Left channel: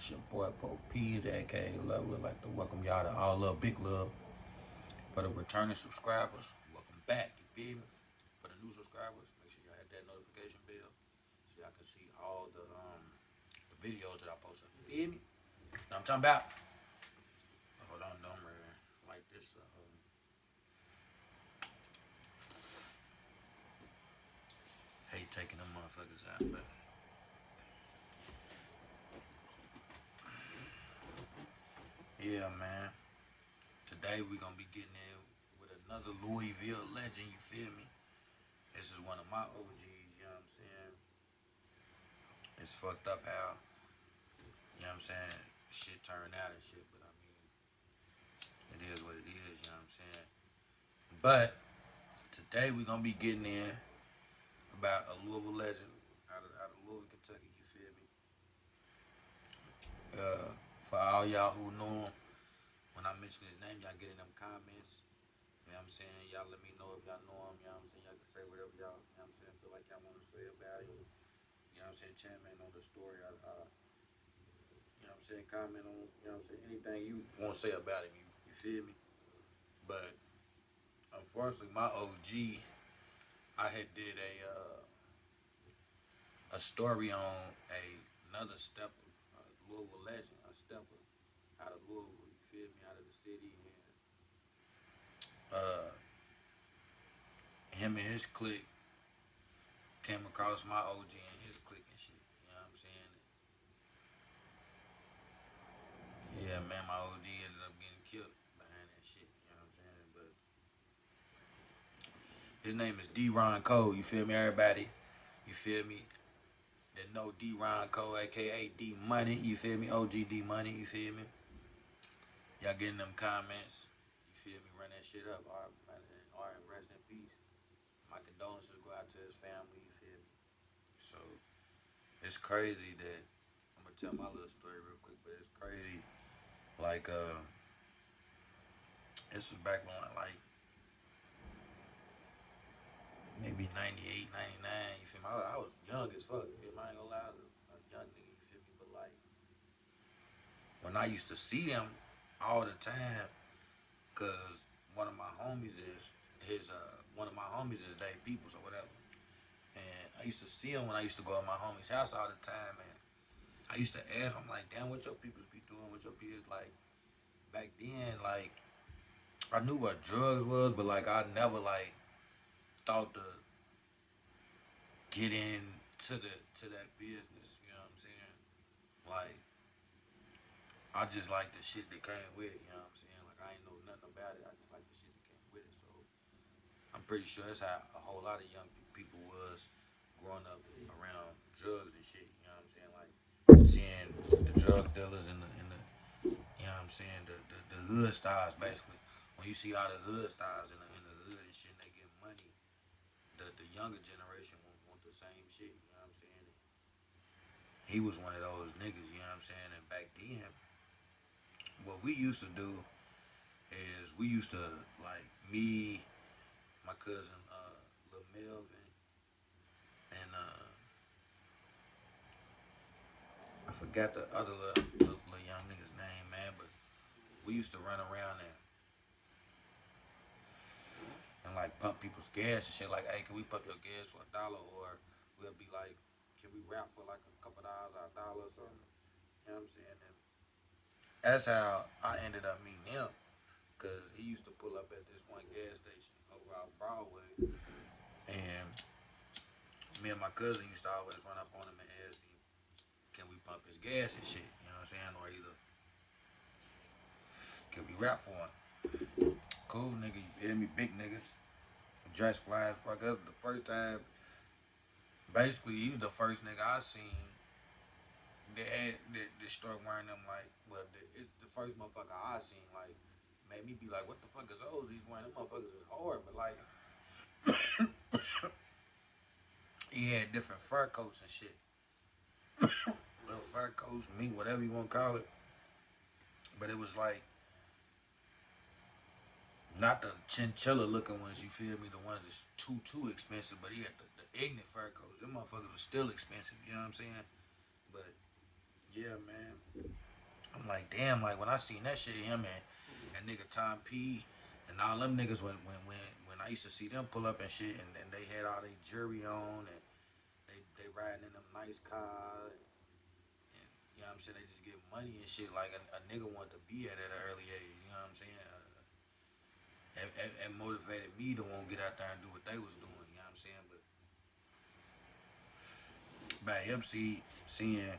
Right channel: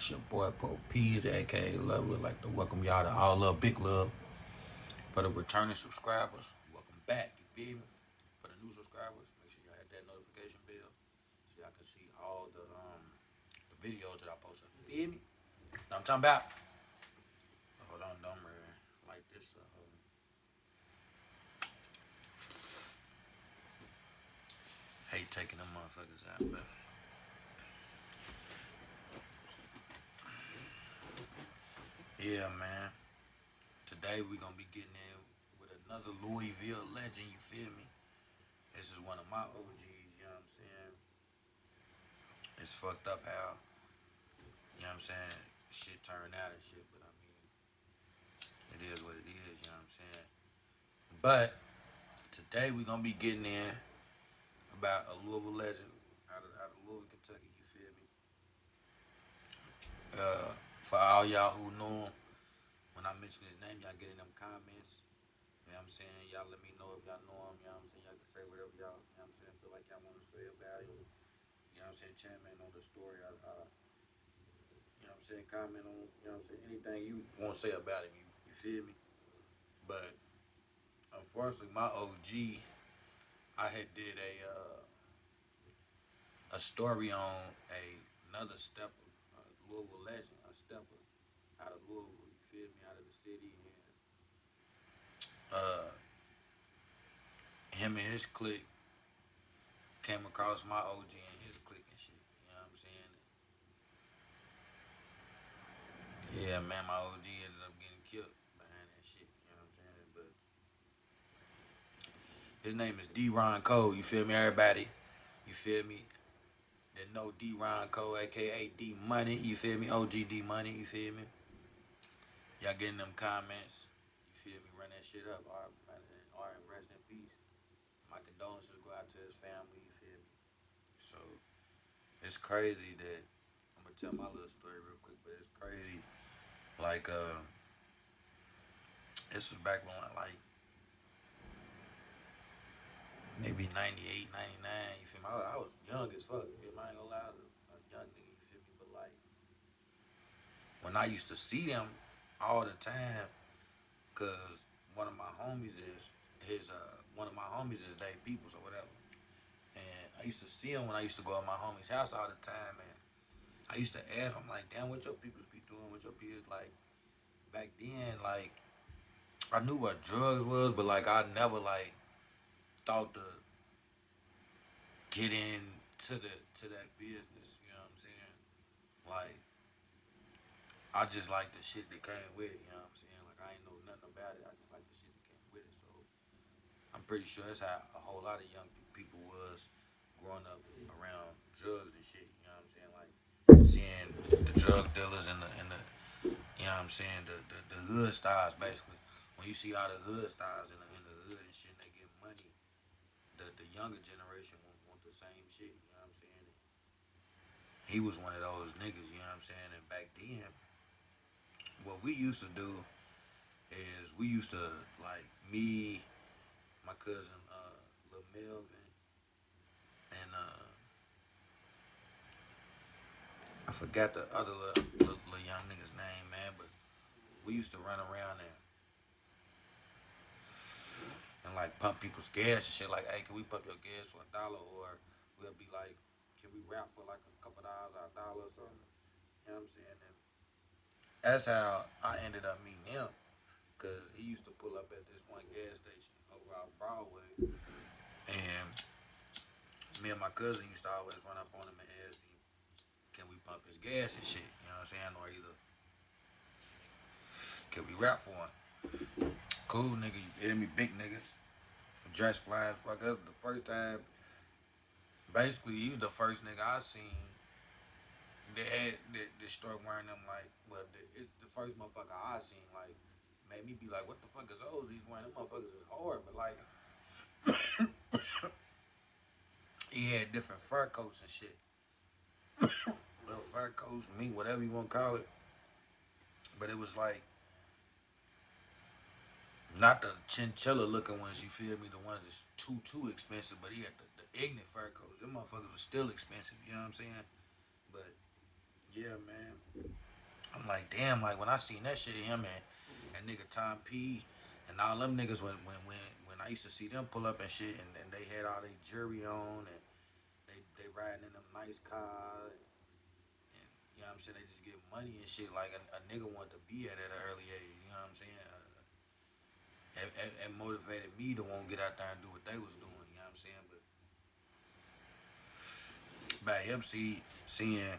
It's your boy Pro Peas, aka Love. Would like to welcome y'all to All Love, Big Love. For the returning subscribers, welcome back. You feel me? For the new subscribers, make sure y'all hit that notification bell so y'all can see all the videos that I post up. You feel me? Know what I'm talking about? Hold on, don't man. Like this. Hate taking them motherfuckers out, but yeah, man. Today we gonna be getting in with another Louisville legend. You feel me? This is one of my OGs. You know what I'm saying? It's fucked up how, you know what I'm saying, shit turned out and shit, but I mean, it is what it is, you know what I'm saying? But today we're gonna be getting in about a Louisville legend out of Louisville, Kentucky, you feel me? For all y'all who know him, when I mention his name, y'all get in them comments. You know what I'm saying? Y'all let me know if y'all know him, you know what I'm saying? Y'all can say whatever y'all, you know what I'm saying, feel like y'all want to say about him. You know what I'm saying? Chime in on the story. You know what I'm saying? Comment on, you know what I'm saying? Anything you want to say about him, you feel me? But unfortunately, my OG, I had did a story on another stepper, Louisville legend, a stepper out of Louisville. You feel me? Out of the city, and uh, him and his clique came across my OG and his clique and shit. You know what I'm saying? Yeah, man, my OG ended up getting killed behind that shit. You know what I'm saying? But his name is DeRon Cole. You feel me, everybody? You feel me? That know DeRon Cole, aka D Money. You feel me? OG D Money. You feel me? Y'all getting them comments. You feel me? Run that shit up. All right, rest in peace. My condolences go out to his family. You feel me? So it's crazy that I'm gonna tell my little story real quick, but it's crazy. Like this was back when like maybe 98, 99. You feel me? I was young as fuck. You feel me? I ain't gonna lie, I was a young nigga. You feel me? But like when I used to see them all the time, cause one of my homies is one of my homies is Dave Peoples or whatever. And I used to see him when I used to go to my homie's house all the time, and I used to ask him like, "Damn, what your people be doing? What your peers like back then?" Like, I knew what drugs was, but like I never like thought to get into that business. You know what I'm saying? Like, I just like the shit that came with it. You know what I'm saying? Like, I ain't know nothing about it. I just like the shit that came with it. So I'm pretty sure that's how a whole lot of young people was growing up around drugs and shit. You know what I'm saying? Like seeing the drug dealers and the you know what I'm saying, the hood stars basically. When you see all the hood stars in the hood and shit, they get money. The younger generation want the same shit. You know what I'm saying? And he was one of those niggas. You know what I'm saying? And back then, what we used to do is we used to like me, my cousin Lil Melvin, and I forgot the other little young nigga's name, man. But we used to run around and like pump people's gas and shit. Like, hey, can we pump your gas for $1? Or we'll be like, can we rap for like a couple dollars or $1 or something? You know what I'm saying? And that's how I ended up meeting him. Cause he used to pull up at this one gas station over on Broadway, and me and my cousin used to always run up on him and ask him, can we pump his gas and shit? You know what I'm saying? Or either can we rap for him? Cool nigga, you feel me? Big niggas. Dress fly as fuck. Up the first time, basically, he was the first nigga I seen that start wearing them like, well, it's the first motherfucker I seen like made me be like, what the fuck is those? These wearing them motherfuckers is hard, but like he had different fur coats and shit, little fur coats, meat, whatever you want to call it. But it was like not the chinchilla looking ones, you feel me? The ones that's too expensive, but he had the ignorant fur coats. Them motherfuckers are still expensive, you know what I'm saying? But yeah, man. like, damn, like when I seen that shit, him and nigga Tom P and all them niggas when I used to see them pull up and shit, and they had all their jewelry on, and they riding in them nice cars, and you know what I'm saying, they just get money and shit. Like a nigga wanted to be at an early age, you know what I'm saying? And motivated me to want to get out there and do what they was doing, you know what I'm saying? But by him seeing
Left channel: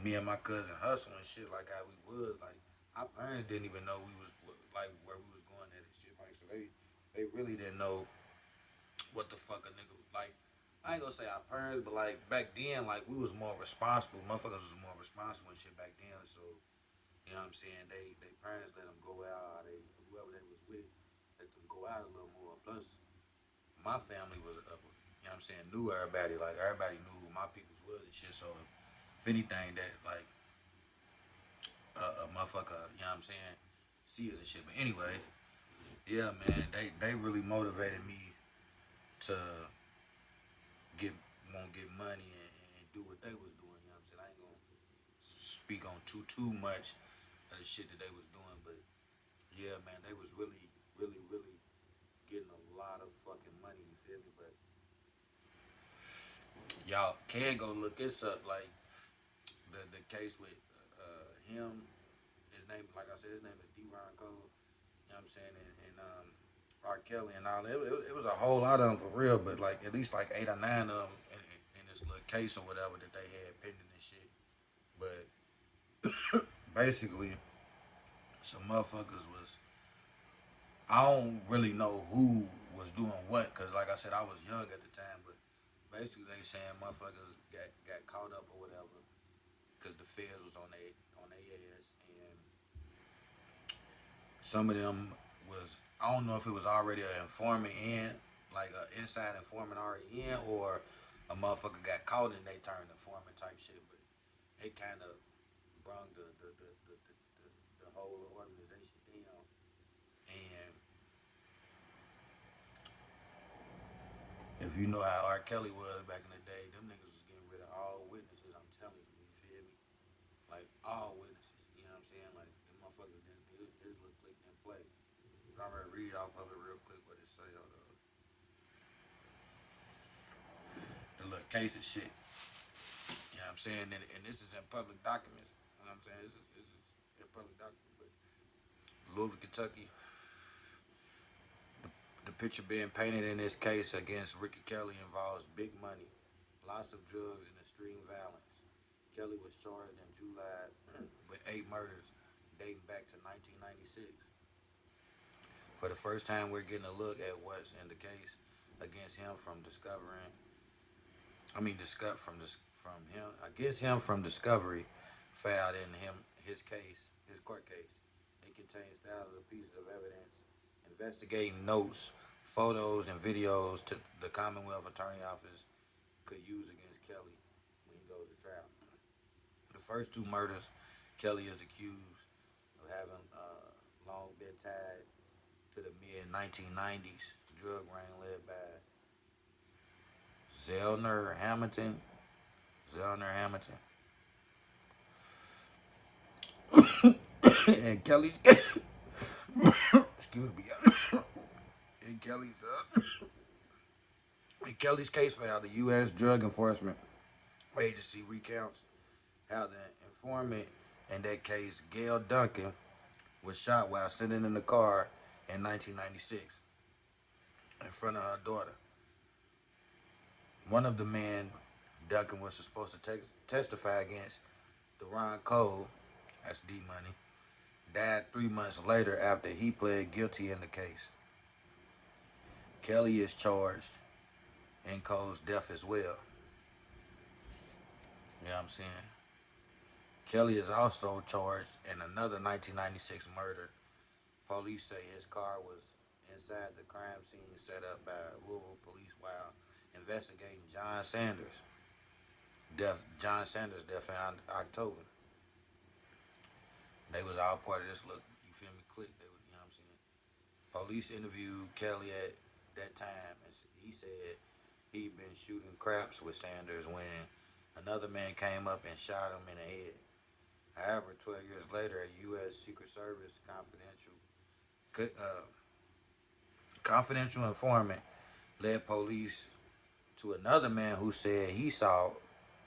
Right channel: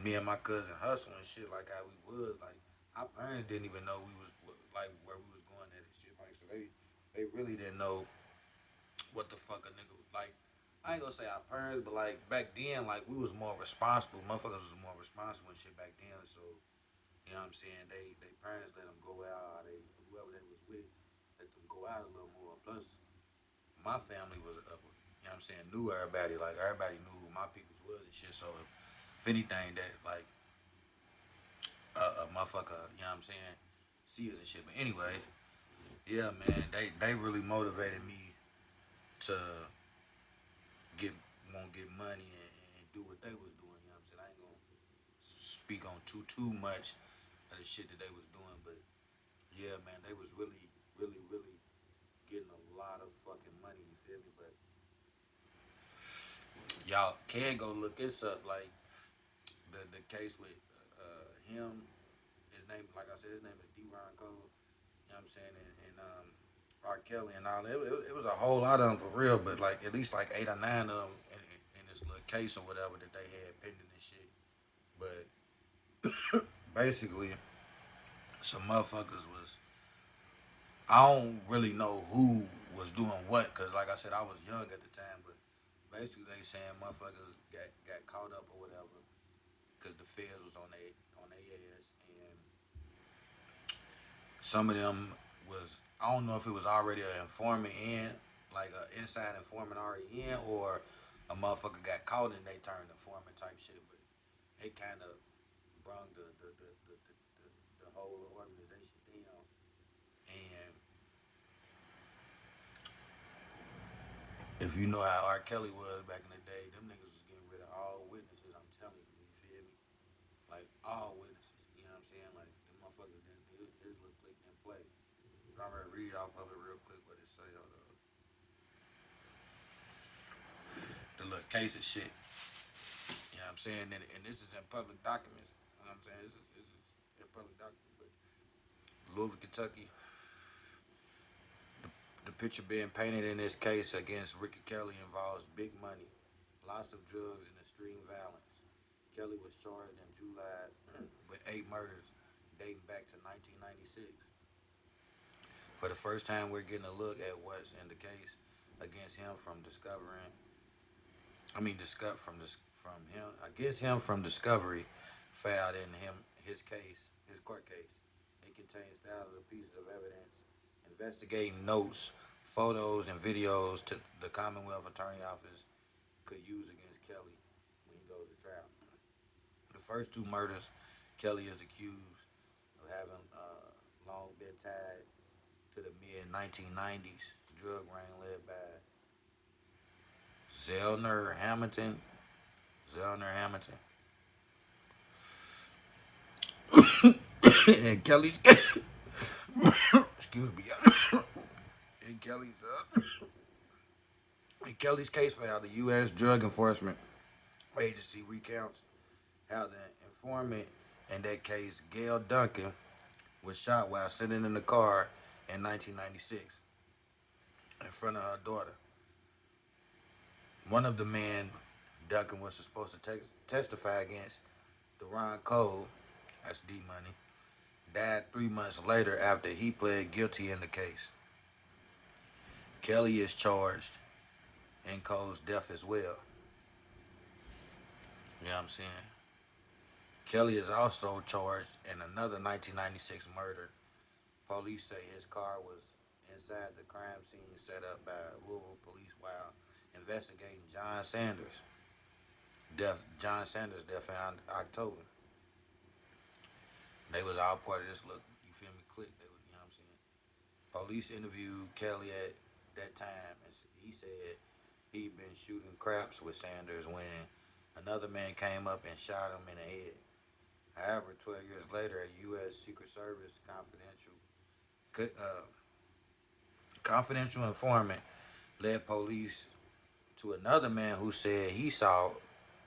me and my cousin hustle and shit like how we was, like our parents didn't even know we was like where we was going at and shit, like so they really didn't know what the fuck a nigga was like. I ain't gonna say our parents, but like back then, like we was more responsible. Motherfuckers was more responsible and shit back then. So you know what I'm saying? They parents let them go out. They whoever they was with let them go out a little more. Plus, my family was up. You know what I'm saying? Knew everybody. Like everybody knew who my people was and shit. So if anything, that like a motherfucker, you know what I'm saying, see us and shit. But anyway, yeah, man, they really motivated me to get want to get money and do what they was doing. You know what I'm saying? I ain't gonna speak on too much of the shit that they was doing, but yeah, man, they was really getting a lot of fucking money. You feel me? But y'all can go look this up, like the case with him. His name, like I said, his name is DeRon Cole. You know what I'm saying? And R. Kelly and all. It was a whole lot of them for real, but like at least like 8 or 9 of them in this little case or whatever that they had pending and shit. But basically, some motherfuckers was. I don't really know who was doing what, cause like I said, I was young at the time. But basically, they saying motherfuckers got caught up or whatever, cause the feds was on their ass, and some of them was, I don't know if it was already an informant in, like an inside informant already in, or a motherfucker got caught and they turned informant type shit. But it kind of brung the whole organization down. And if you know how R. Kelly was back in the day, them niggas was getting rid of all witnesses. I'm telling you, you feel me? Like all witnesses. You know what I'm saying? Like them motherfuckers didn't his little click didn't play. I'm gonna read off of it real quick what it say. Hold on. The little case of shit. You know what I'm saying? And this is in public documents. You know what I'm saying? This is in public documents. But Louisville, Kentucky. The, the picture being painted in this case against Ricky Kelly involves big money, lots of drugs, and extreme violence. Kelly was charged in July with 8 murders dating back to 1996. For the first time, we're getting a look at what's in the case against him from discovering I mean, from him against him from discovery filed in his case, his court case. It contains thousands of pieces of evidence, investigating notes, photos, and videos to the Commonwealth Attorney Office could use against Kelly when he goes to trial. The first 2 murders, Kelly is accused of having long been tied to the mid 1990s drug ring led by Zellner Hamilton. Zellner Hamilton. And Kelly's excuse me. In Kelly's in Kelly's case file, the U.S. Drug Enforcement Agency recounts how the informant in that case, Gail Duncan, was shot while sitting in the car in 1996 in front of her daughter. One of the men Duncan was supposed to testify against, DeRon Cole, that's D Money, died 3 months later after he pled guilty in the case. Kelly is charged in Cole's death as well. You know what I'm saying? Kelly is also charged in another 1996 murder. Police say his car was inside the crime scene set up by Louisville police while investigating John Sanders' death in October. They was all part of this look, you feel me, click. They was, you know what I'm saying? Police interviewed Kelly at that time, and he said he'd been shooting craps with Sanders when another man came up and shot him in the head. However, 12 years later, a U.S. Secret Service confidential informant led police to another man who said he saw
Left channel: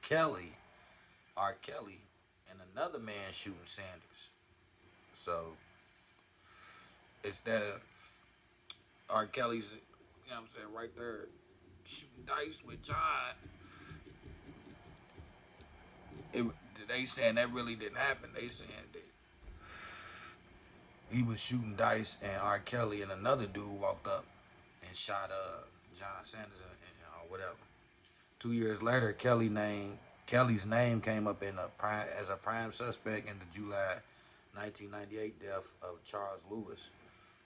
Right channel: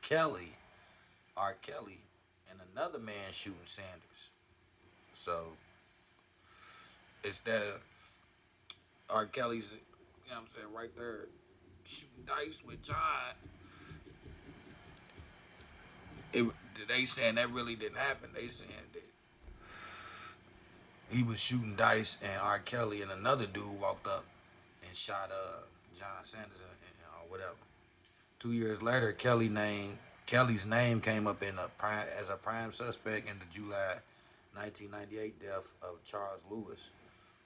Kelly, R. Kelly, and another man shooting Sanders. So instead of R. Kelly's, you know what I'm saying, right there shooting dice with John, it, they saying that really didn't happen. They saying that he was shooting dice and R. Kelly and another dude walked up and shot John Sanders or whatever. 2 years later, Kelly's name came up as a prime suspect in the July 1998 death of Charles Lewis,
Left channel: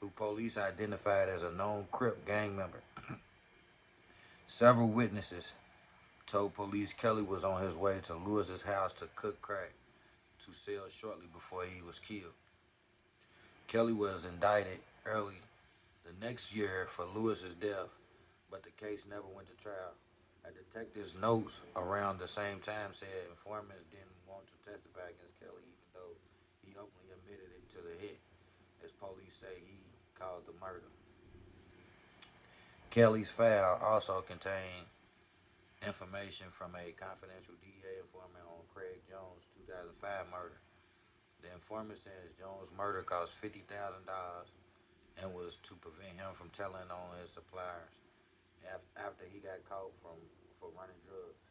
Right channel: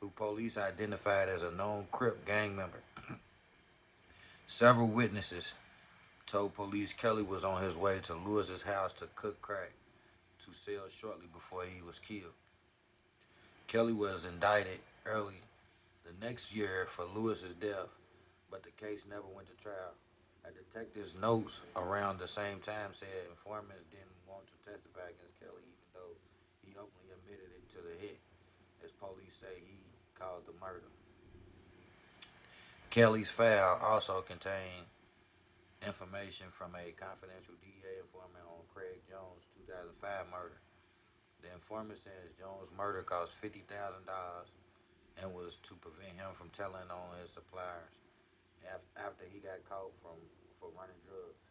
who police identified as a known Crip gang member. Several witnesses told police Kelly was on his way to Lewis's house to cook crack to sell shortly before he was killed. Kelly was indicted early the next year for Lewis's death, but the case never went to trial. A detective's notes around the same time said informants didn't want to testify against Kelly, even though he openly admitted it to the hit, as police say he caused the murder. Kelly's file also contained information from a confidential DEA informant on Craig Jones' 2005 murder. The informant says Jones' murder cost $50,000 and was to prevent him from telling on his suppliers after he got caught for running drugs.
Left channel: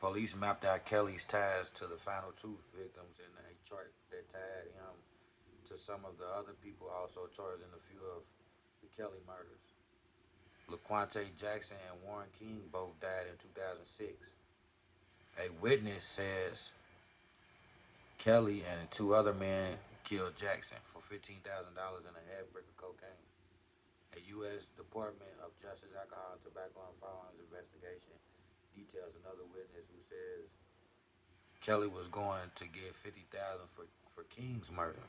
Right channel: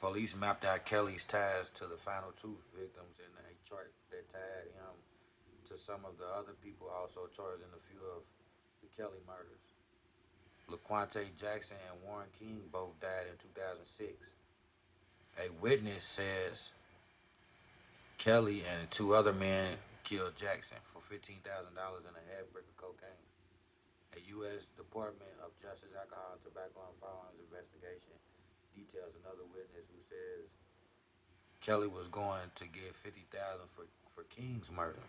Police mapped out Kelly's ties to the final two victims in a chart that tied him to some of the other people also charged in a few of the Kelly murders. LaQuante Jackson and Warren King both died in 2006. A witness says Kelly and two other men killed Jackson for $15,000 and a half brick of cocaine. A U.S. Department of Justice Alcohol, Tobacco, and Firearms investigation details another witness who says Kelly was going to get $50,000 for King's murder.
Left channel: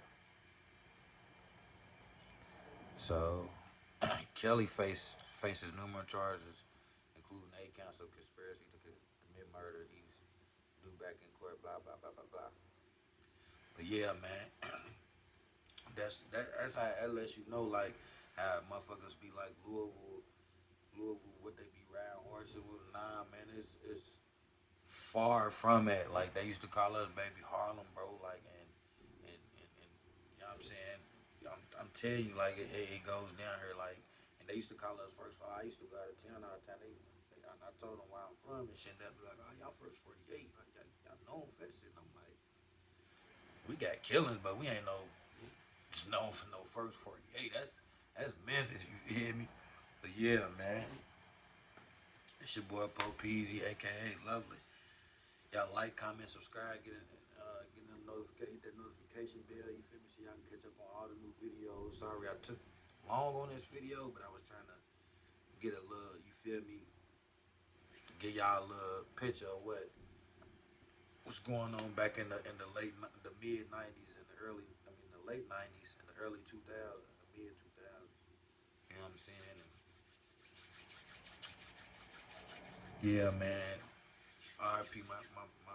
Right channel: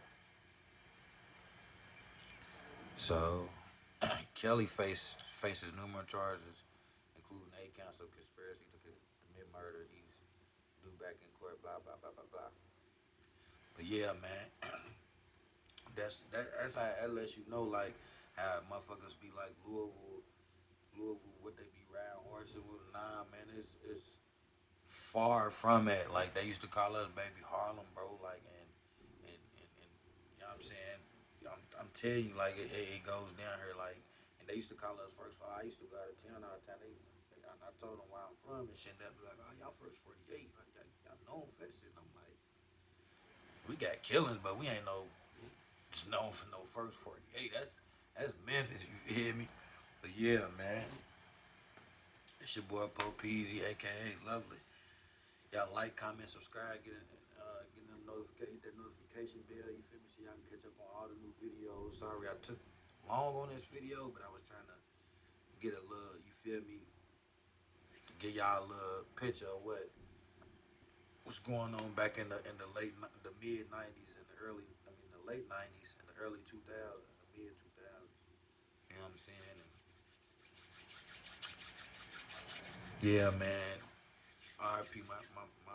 So Kelly faces numerous charges, including 8 counts of conspiracy to commit murder. He's due back in court. Blah blah blah blah blah. But yeah, man, that's how it lets you know like how motherfuckers be like Louisville, what they be riding horses with. Nah, man, it's far from it. Like they used to call us baby Harlem, bro. Like and you know what I'm saying. I'm telling you, like it goes down here, like, and they used to call us first. I used to go out of town all the time. I told them where I'm from and shit. They be like, oh, y'all first 48, like y'all known for that shit. And I'm like, we got killings, but we ain't no just known for no first 48. That's Memphis. You hear me? But yeah, man. It's your boy Po Peasy, aka Lovely. Y'all like, comment, subscribe, get them notification, that notification bell. You feel me? So y'all can catch up on all the new videos. Sorry I took long on this video, but I was trying to get a little, you feel me, to give y'all a little picture of what's going on back in the mid '90s and the late '90s and the early 2000s, the mid 2000s. You know what I'm saying? And yeah, man. RIP my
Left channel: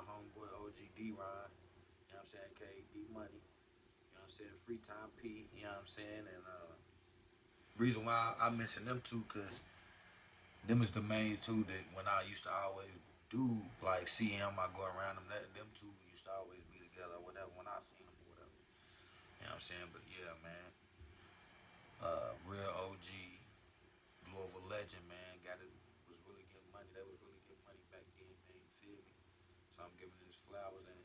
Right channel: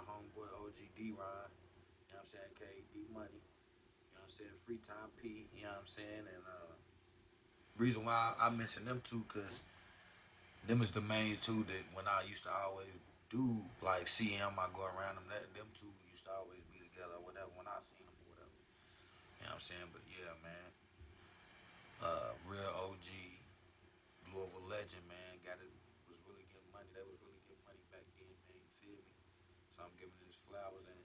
homeboy OG DeRon. You know what I'm saying? KD Money. You know what I'm saying? Free Time P. You know what I'm saying? And reason why I mention them two, cause them is the main two that when I used to always do like see him, I go around them. Them two used to always be together or whatever when I seen them or whatever. You know what I'm saying? But yeah, man. Real OG Louisville legend, man. Was really getting money. They was really getting money back then, man. You feel me? So I'm giving his flowers and